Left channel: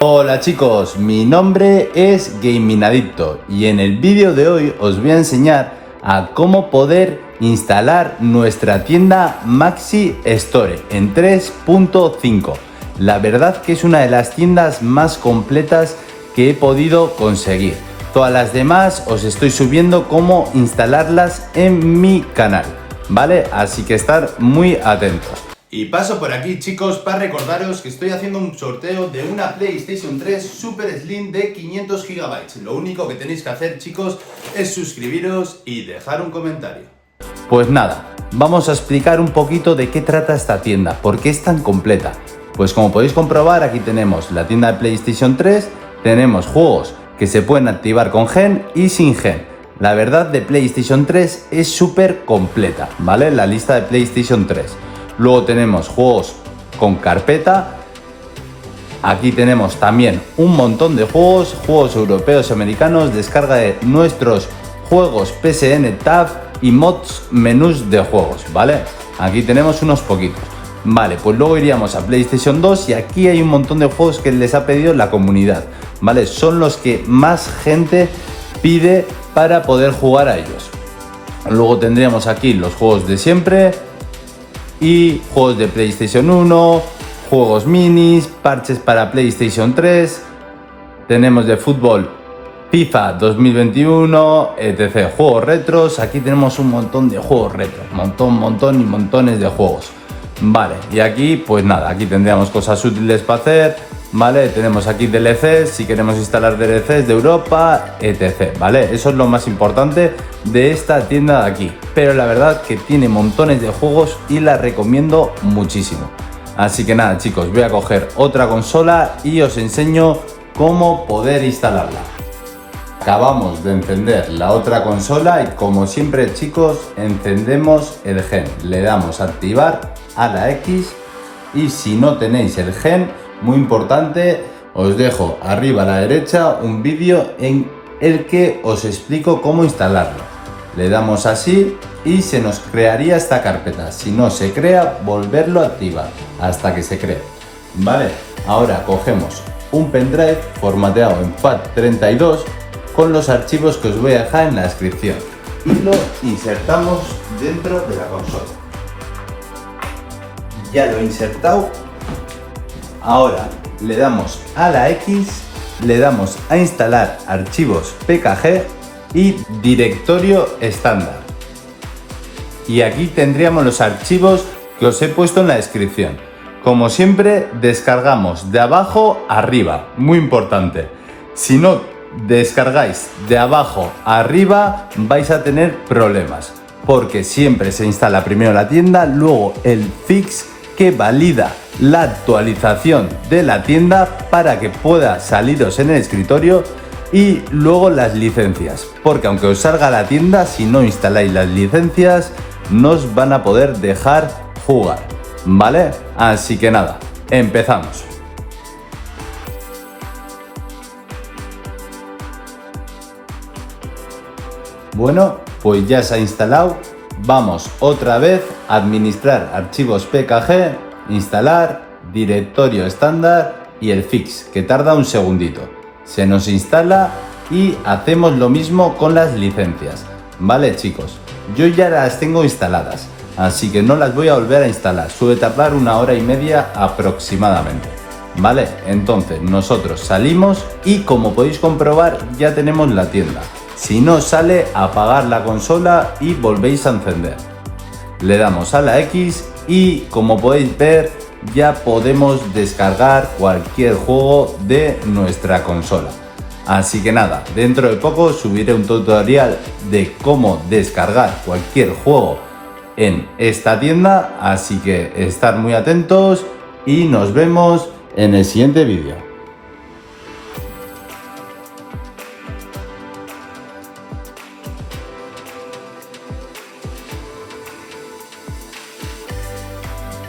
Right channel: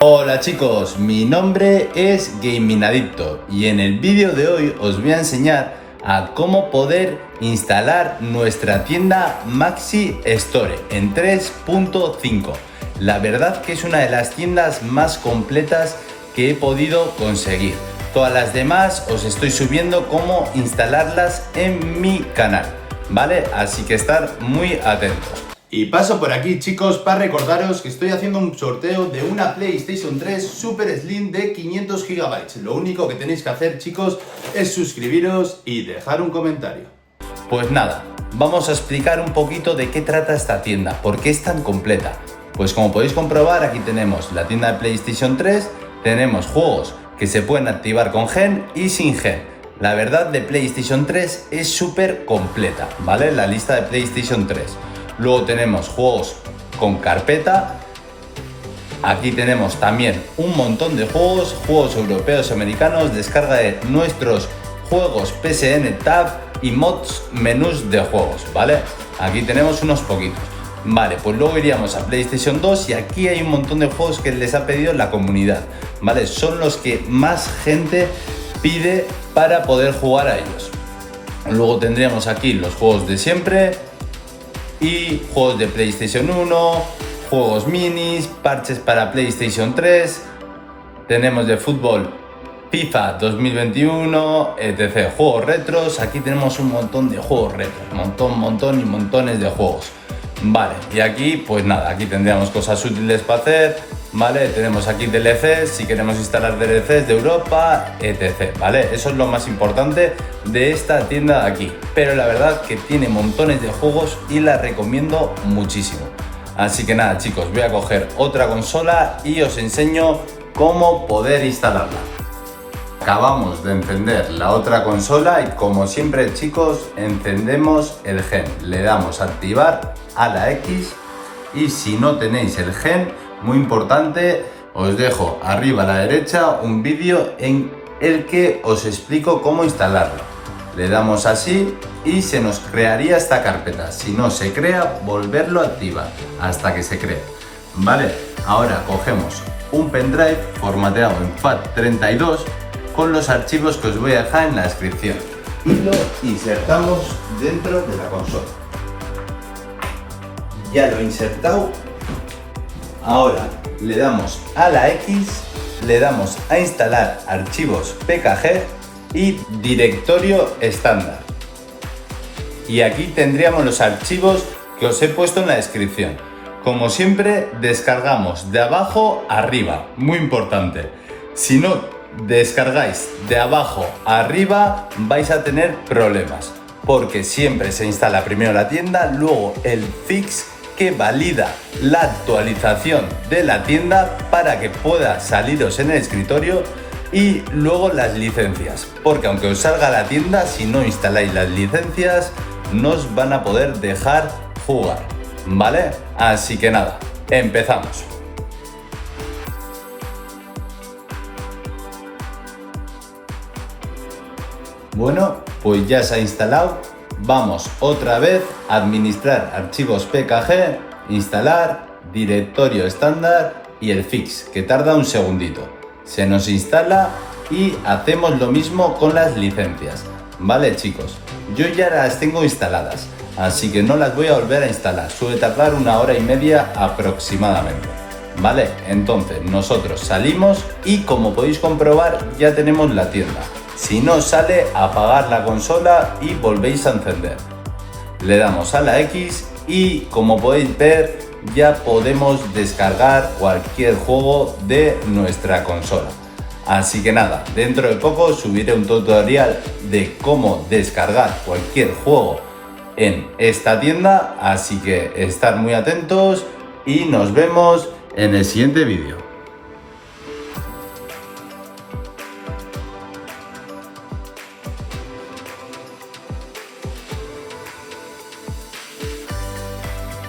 Hola chicos, mi nombre es Gaming Adicto y en el vídeo de hoy os voy a enseñar a cómo poder instalar nuestra tienda Maxi Store en 3.5. La verdad que es una de las tiendas más completas que he podido conseguir. Todas las demás os estoy subiendo cómo instalarlas en mi canal, ¿vale? Así que estar muy atentos. Y paso por aquí, chicos, para recordaros que estoy haciendo un sorteo de una PlayStation 3 Super Slim de 500 GB. Lo único que tenéis que hacer, chicos, es suscribiros y dejar un comentario. Pues nada, vamos a explicar un poquito de qué trata esta tienda, por qué es tan completa. Pues como podéis comprobar, aquí tenemos la tienda de PlayStation 3, tenemos juegos que se pueden activar con gen y sin gen. La verdad, de PlayStation 3 es súper completa, ¿vale? La lista de PlayStation 3. Luego tenemos juegos con carpeta. Aquí tenemos también un montón de juegos europeos y americanos, descarga de nuestros juegos PSN Tab y mods menús de juegos, ¿vale? Aquí tenemos unos poquitos. Vale, pues luego iríamos a PlayStation 2 y aquí hay un montón de juegos que les ha pedido la comunidad, ¿vale? Son los que más gente pide para poder jugar a ellos. Luego tendríamos aquí los juegos de siempre y juegos de PlayStation 1, juegos minis, parches para PlayStation 3, tenemos de fútbol FIFA 2021, etc. Juegos retros, aquí tenemos un montón de juegos retros, montón y montones de juegos. Vale, y aquí pues nada, aquí tendríamos cosas útiles para hacer, ¿vale? Tenemos aquí DLCs, si queremos instalar DLCs de Europa, etc. ¿Vale? Eso es lo más importante de esta tienda de aquí. Pero la verdad que tiene montones de juegos y la recomiendo muchísimo. Así que nada, chicos, voy a coger otra consola y os enseño cómo poder instalarla. Acabamos de encender la otra consola y como siempre, chicos, encendemos el gen. Le damos a activar a la X y si no tenéis el gen, muy importante, os dejo arriba a la derecha un vídeo en el que os explico cómo instalarlo. Le damos así y se nos crearía esta carpeta. Si no se crea, volverlo a activar hasta que se cree. Vale, ahora cogemos un pendrive formateado en FAT32 con los archivos que os voy a dejar en la descripción y lo insertamos dentro de la consola. Ya lo he insertado. Ahora le damos a la X, le damos a instalar archivos PKG y directorio estándar. Y aquí tendríamos los archivos que os he puesto en la descripción. Como siempre, descargamos de abajo a arriba, muy importante. Si no descargáis de abajo a arriba, vais a tener problemas, porque siempre se instala primero la tienda, luego el fix que valida la actualización de la tienda para que pueda saliros en el escritorio, y luego las licencias, porque aunque os salga la tienda, si no instaláis las licencias no os van a poder dejar jugar, ¿vale? Así que nada, empezamos. Bueno, pues ya se ha instalado. Vamos otra vez a administrar archivos PKG, instalar, directorio estándar y el fix, que tarda un segundito. Se nos instala y hacemos lo mismo con las licencias. Vale, chicos, yo ya las tengo instaladas, así que no las voy a volver a instalar. Suele tardar 1 hora y media aproximadamente. Vale, entonces nosotros salimos y como podéis comprobar ya tenemos la tienda. Si no sale, apagar la consola y volvéis a encender. Le damos a la X y como podéis ver ya podemos descargar cualquier juego de nuestra consola. Así que nada, dentro de poco subiré un tutorial de cómo descargar cualquier juego en esta tienda. Así que estar muy atentos y nos vemos en el siguiente vídeo.